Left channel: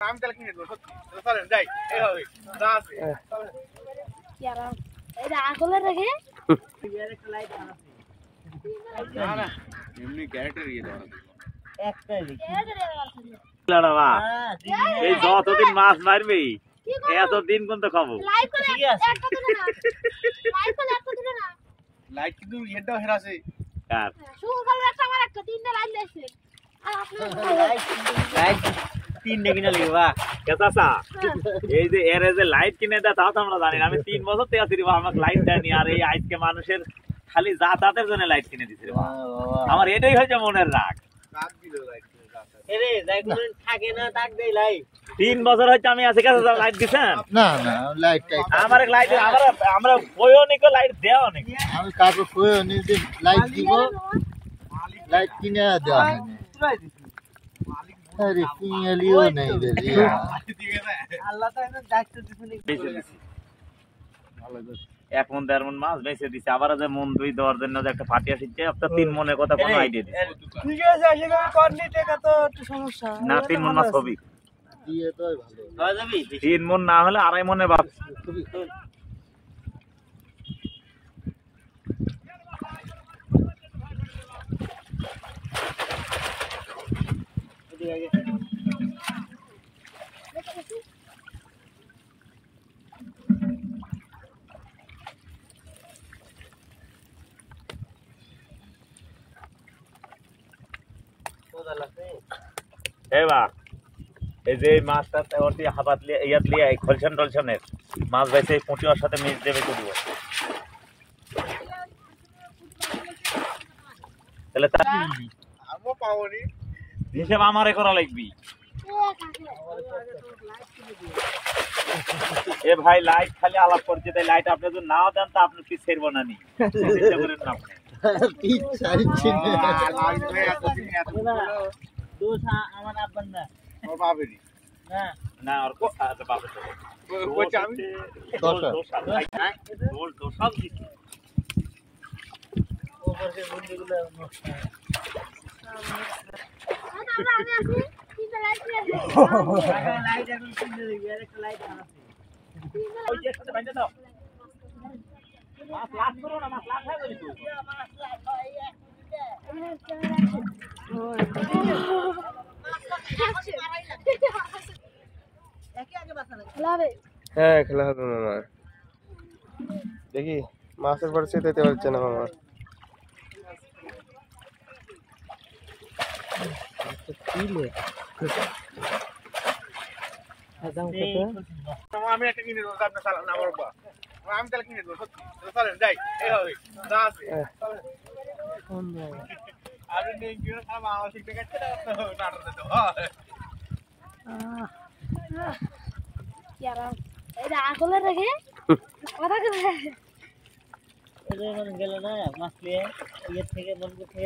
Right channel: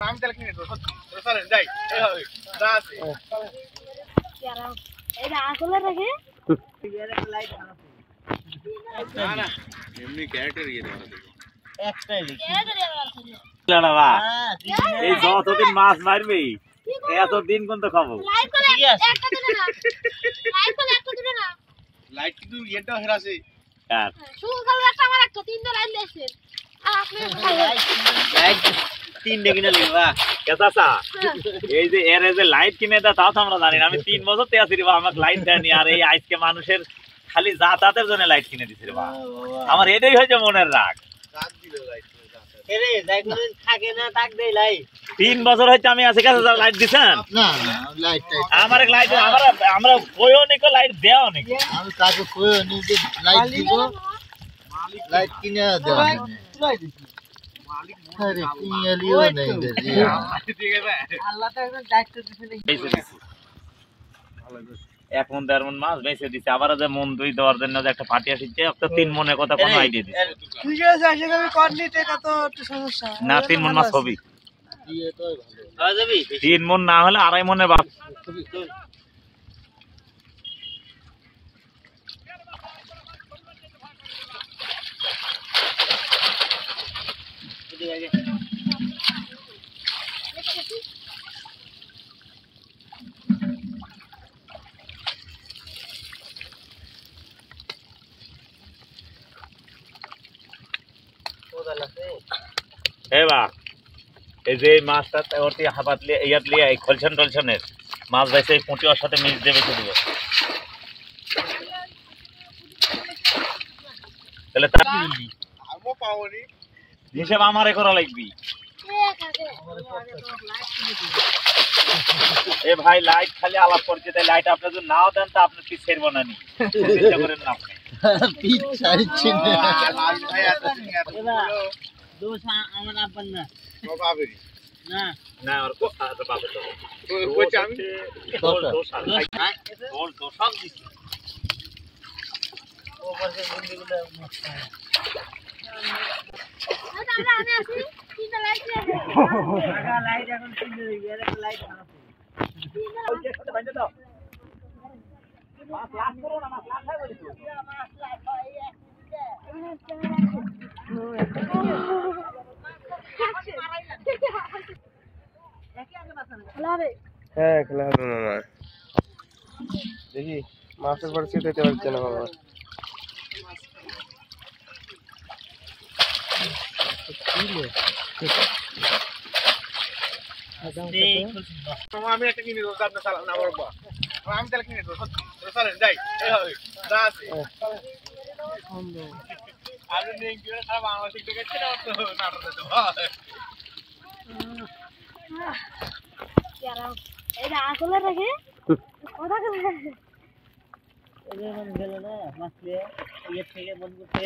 আমি তাহলে কিনে দেবো সত্যি চলেন যাই এইভাবে যা আছে এটা আসলে রেখে না না এমনি ক্যারেক্টার ইয়ে দেওয়া একটাই এই যতদিন মাছ মারবি এতদিন কিন্তু খাবো লাইট কিন্তু ইয়েটাও হেরাছে আর তিনটে কিনে লিবা কেসাসা এই যে এর যে লাইট কিনে দেয় তা তো আমরা জানি না। আমি 3 বছর থেকে আছি রে বাবা, আমাকে লাইট দেয়নি। আর এই আজকে মানুষের খালি যাতায়াতের জন্য লাইট কিনে দিছে রে বাবা। আমার এটাই হয়েছে মনের রাগ। রাত দিল লাইট এরে যাই কোন থাকে না তাক দেই লাই 3 বছর হচ্ছে আমি আছি কাছে লাইট দিছেন না না লাইট টাইট আমার লাইট আমরা কইও নিকো লাইট দেও নিকো আমি কাকে কইও নি যে লাইট দিব লাইট কিনে দেওয়া তুলাই দিছি আরে কিনে লিও নাই রে আল্লাহ তো একদম দায়িত্ব দিছে এখন 1.5 মণ মাছ বেচে দিছে। আবার যে মন 2 দেওয়ার জন্য যে একটা পাটিয়া শিখছে একটা 3 মনের কথা কোন আইডিয়া দিছে তুই যে যাইছে আমি করনি টাকা তো একটু সমস্যা না। 3 মণ মাছ হবে দিয়ে তো ভালো যাবি 3 মণ না হলে 2.5 মণে বাপ। এদিকে আগে এবা এই যে মাছটা ওটি হাবাত লিয়ে ইয়াত লিয়ে এই খলছন টলছনের মাছ বাইছে এই পুঁটিওর সাথে মিক্স দেবে তো দিও তাহলে তা আমও পাওনি হিসাব আমারে করা লাগবি। এ ভাই লাইট খালি আলাপ করছে, তাই লাইট আপনি যদি নাও দেন তা আপনি পিস ছেড়ব না নি চেষ্টা করেন না আপনি পিচ চাইছি লাল ভাই এতদিন এত বলো দোষ আমার আব্বার না ও বাবেরি না না আর কো আর বাবা তো কই আমি দোষ সব দিছি ওপর যে গুন্ডিগুলো নষ্ট টাকা লাইট এখন কিনে দিবি আর একটা লাইট আনছে ওই যে সাথে বাইন্দা দাও মাছ লাগ করো না, মাছ লাগ খাই বলি তুই মাছ লাইট হয় হ্যাঁ খেলা হবে মামা। দেখি মাছের পরিস্থিতি দিতে পারছে না মামা। আমি একটা কিনে দেবো আপনি চালান না বাবা আমি তাহলে কিনে দেবো সত্যি চলেন যাই এইভাবে যা আছে আর নেই কি খারাপ আমার ঠিক আছে না তো নাটক দাও এটা আসলে রেখে কথা কথা এদের মন গেল না মাছ পেয়ে ইয়ে থেকে মন করতে